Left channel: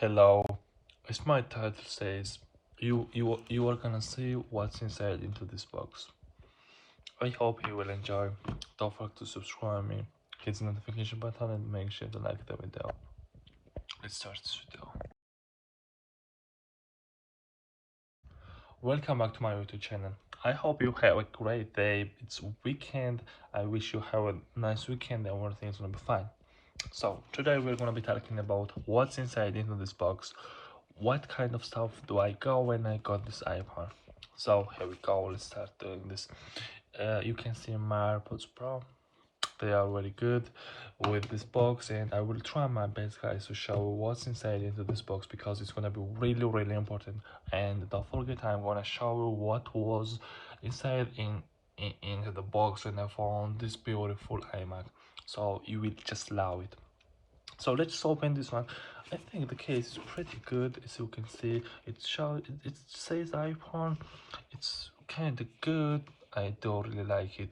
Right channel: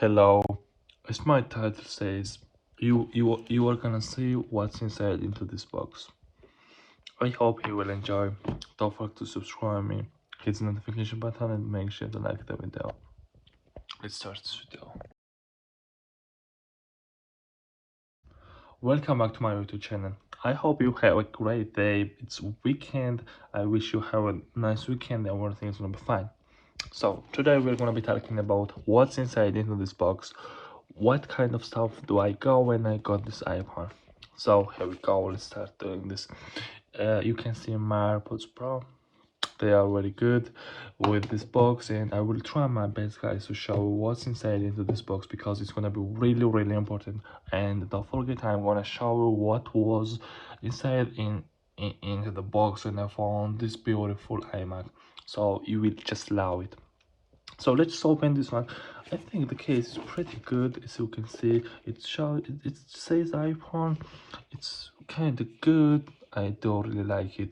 Hello, as my title says, you are gonna see what's inside into this box. I hope you will enjoy. Don't forget to subscribe me, hit the notification button and make sure to like the video. Let's start this video. Welcome back to my YouTube channel. I hope you have a great day. It's weekend. I wish you have a nice weekend and everything's gonna be fine. So today we're gonna be talking about what's inside into this box. What kind of stuff do I got when I got this iPhone? So here we go. Let's start doing this. You can see my AirPods Pro. They are very good with this box, and I will try my best, guys, to show what's inside into this box because it's gonna be really important. And don't forget, I wanna show you what was inside into the box, and I found this beautiful iMac. So you will just love it. So let's open this one. I think the case is pretty good. As you can see, it says iPhone. It's kind of good. I don't really like it.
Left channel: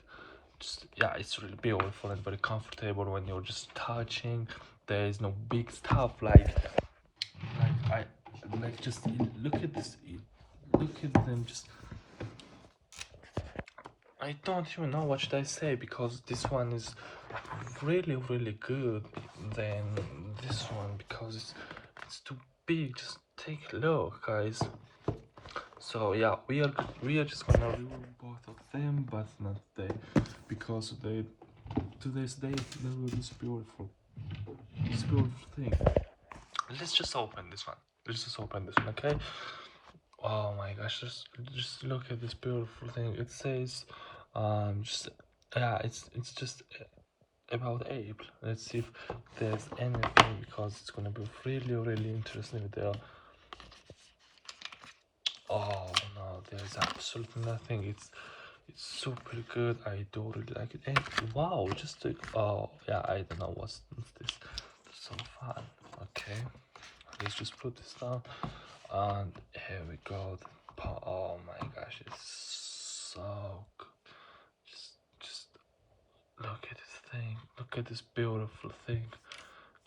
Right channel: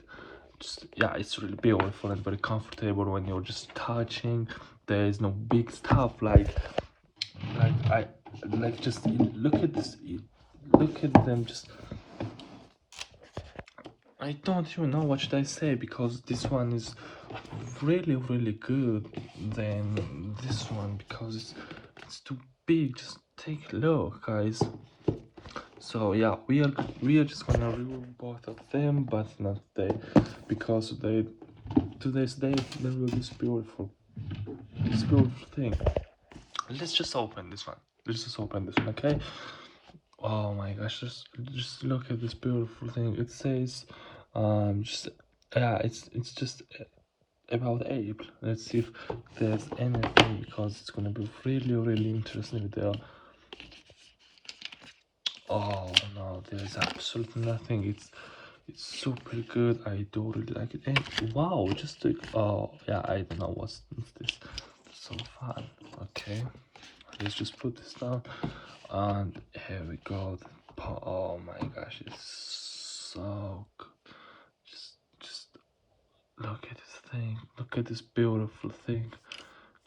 Yeah, it's really beautiful and very comfortable when you're just touching. There is no big stuff I like. Just look at this. Look at them. Just I don't even know what should I say because this one is really good than this one because it's too big. Just take a look, guys. So yeah, we are just gonna remove both of them, but not today because today's day there will be this beautiful thing. Let's just open this one. Let's just open this one, okay? Oh my gosh, just look at this beautiful thing. It says just yeah, it's just about ape. Let's see if there's anything because it's gonna be really interesting video. Oh no, there's absolutely nothing. It's super good. I do really like it. And wow, just to, oh yeah, I don't know what's this so far. Okay, let's just put this down, and here we go. Oh my gosh, it's so good. Just look at this thing. Look at this beautiful thing.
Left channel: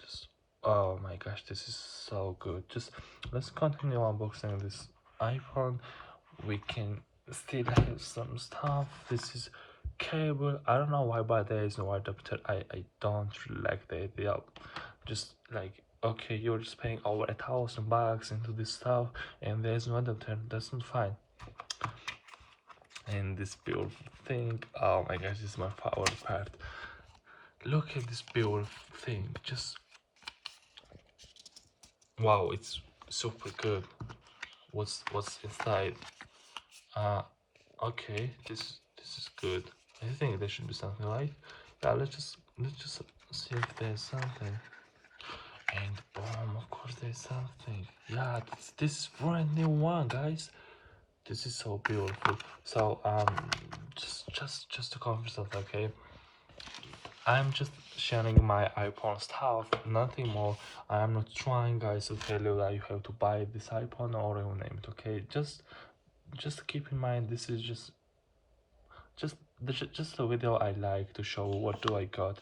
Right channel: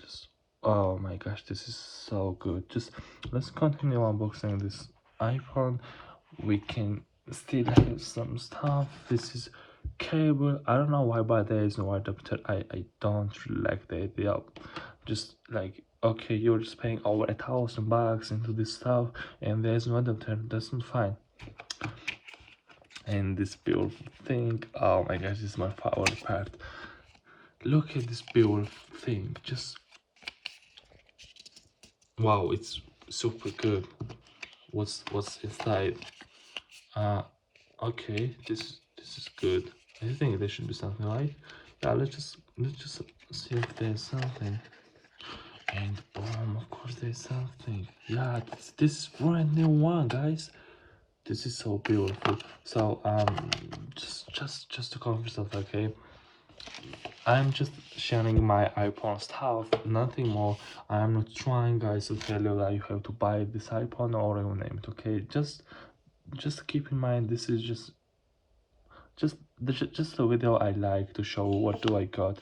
Just oh my gosh, this is so good. Just let's continue unboxing this iPhone. We can still have some stuff. This is cable. I don't know why, but there is no adapter. I don't really like the idea. Just like, okay, you're just paying over $1,000 into this stuff and there's no adapter. That's not fine. And this beautiful thing, oh my gosh, this is my favorite part. Look at this beautiful thing. Just wow, it's super good. What's inside? Okay, this is good. I think there should be something, right? Yeah, let's just see if there's something. And of course there's something. Yeah, this is brand new one, guys. This is so beautiful. So just to cover stuff, okay. I'm just sharing my iPhone stuff, nothing more. I'm not trying, guys, to tell you that you have to buy this iPhone or your name, okay? Just keep in mind this is just a video I like to show what do I got.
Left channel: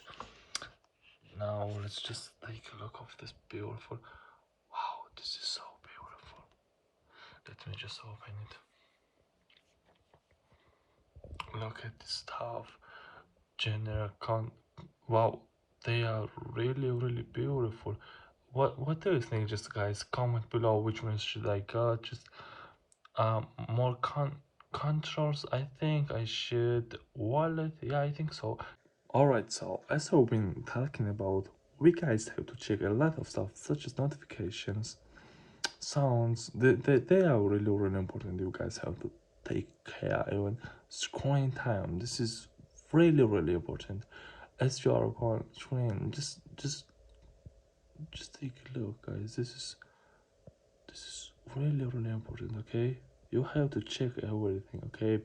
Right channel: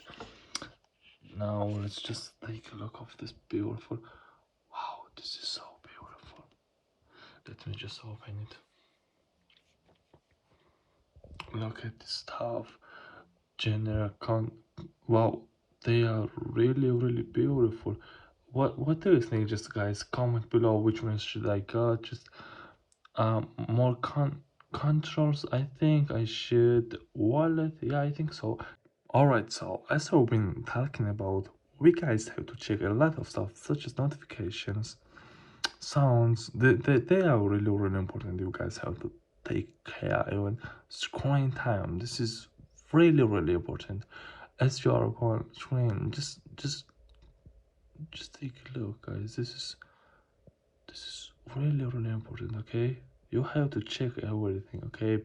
Now let's just take a look of this beautiful. Wow, this is so beautiful. Let me just open it. Look at this stuff. General wow, they are really beautiful. What do you think? Just guys, comment below which ones should I got. Just more controls. I think I should wallet. Yeah, I think so. Alright, so as we've been talking about, we guys have to check a lot of stuff such as notifications, sounds. They are really important. You guys have to take care. Even screen time. This is really important. As you are on screen, just take a look, guys. This is really important. Okay, you have to check everything. Okay,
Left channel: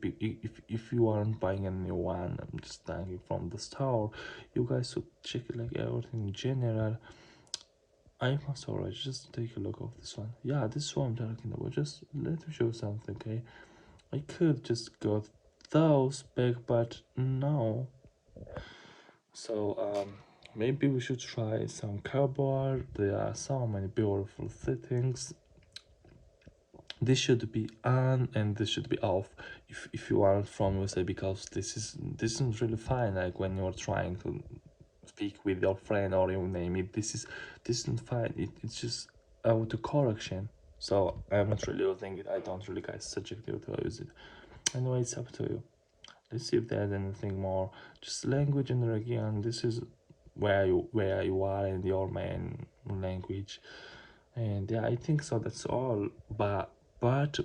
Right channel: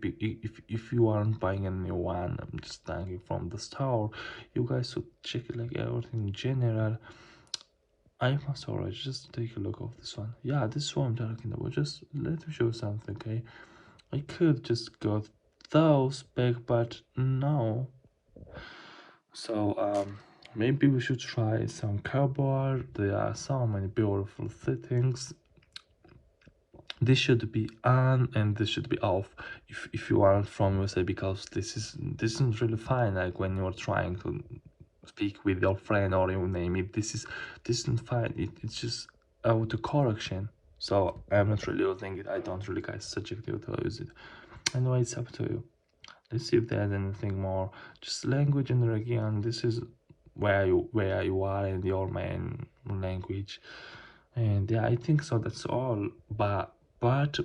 if you aren't buying a new one, I'm just thinking from the store, you guys should check it like everything in general. iPhone storage, just take a look of this one. Yeah, this is what I'm talking about. Just let me show something. Okay, I could just got those back, but no. So Maybe we should try some keyboard. There are so many beautiful settings. This should be on and this should be off if you are from USA, because this isn't really fine. Like when you're trying to speak with your friend or you name it, this isn't fine. It's just auto correction. So I'm not really using it. I don't really guys suggest you to use it. Anyway, it's up to you. Let's see if there's anything more. Just language and region. This is where you are in your main language. And yeah, I think so. That's all. But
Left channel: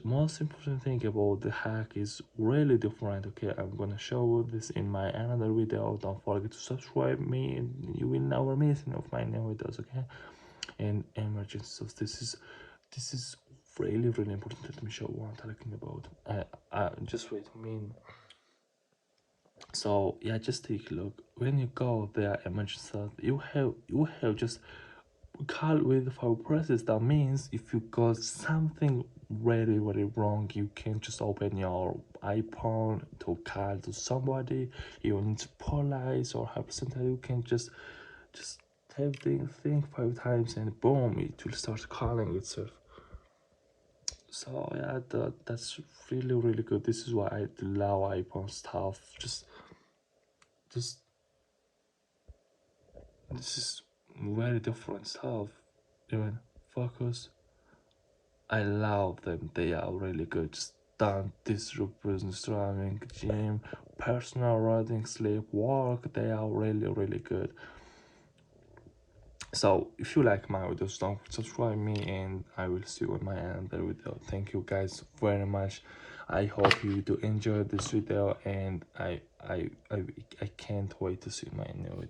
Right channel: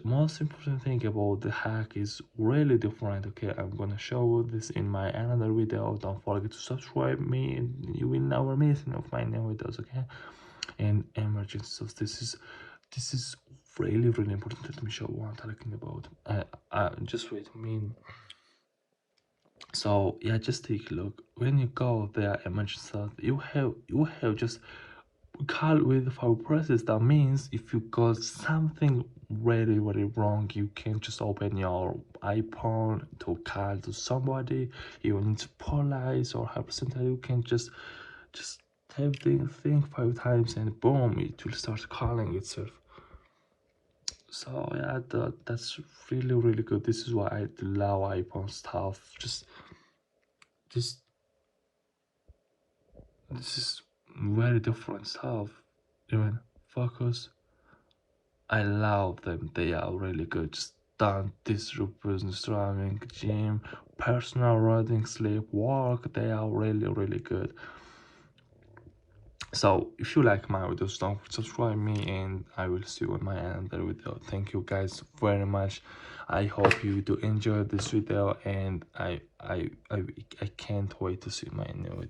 most important thing about the hack is really different. Okay, I'm gonna show this in my another video. Don't forget to subscribe me, and you will never miss any of my new videos. Okay, and emergency. So this is really important. Let me show you what I'm talking about. Just wait. I mean, so yeah, just take a look. When you go there, emergency, you have just call with our process. That means if you got something really wrong, you can just open your iPhone to call to somebody. You need to police or have something. You can just type the thing 5 times and boom, it will start calling itself. So yeah, that's really good. This is why I love iPhone stuff. Just this is very different stuff. Even focus, I love them. They are really good. Just done this business, driving, gym, personal running, sleep, work. They are really good. So if you like my videos, don't subscribe me, and I will see you in my another video. Thank you guys very much. I hope you do enjoy this video, and I can't wait to see my new video.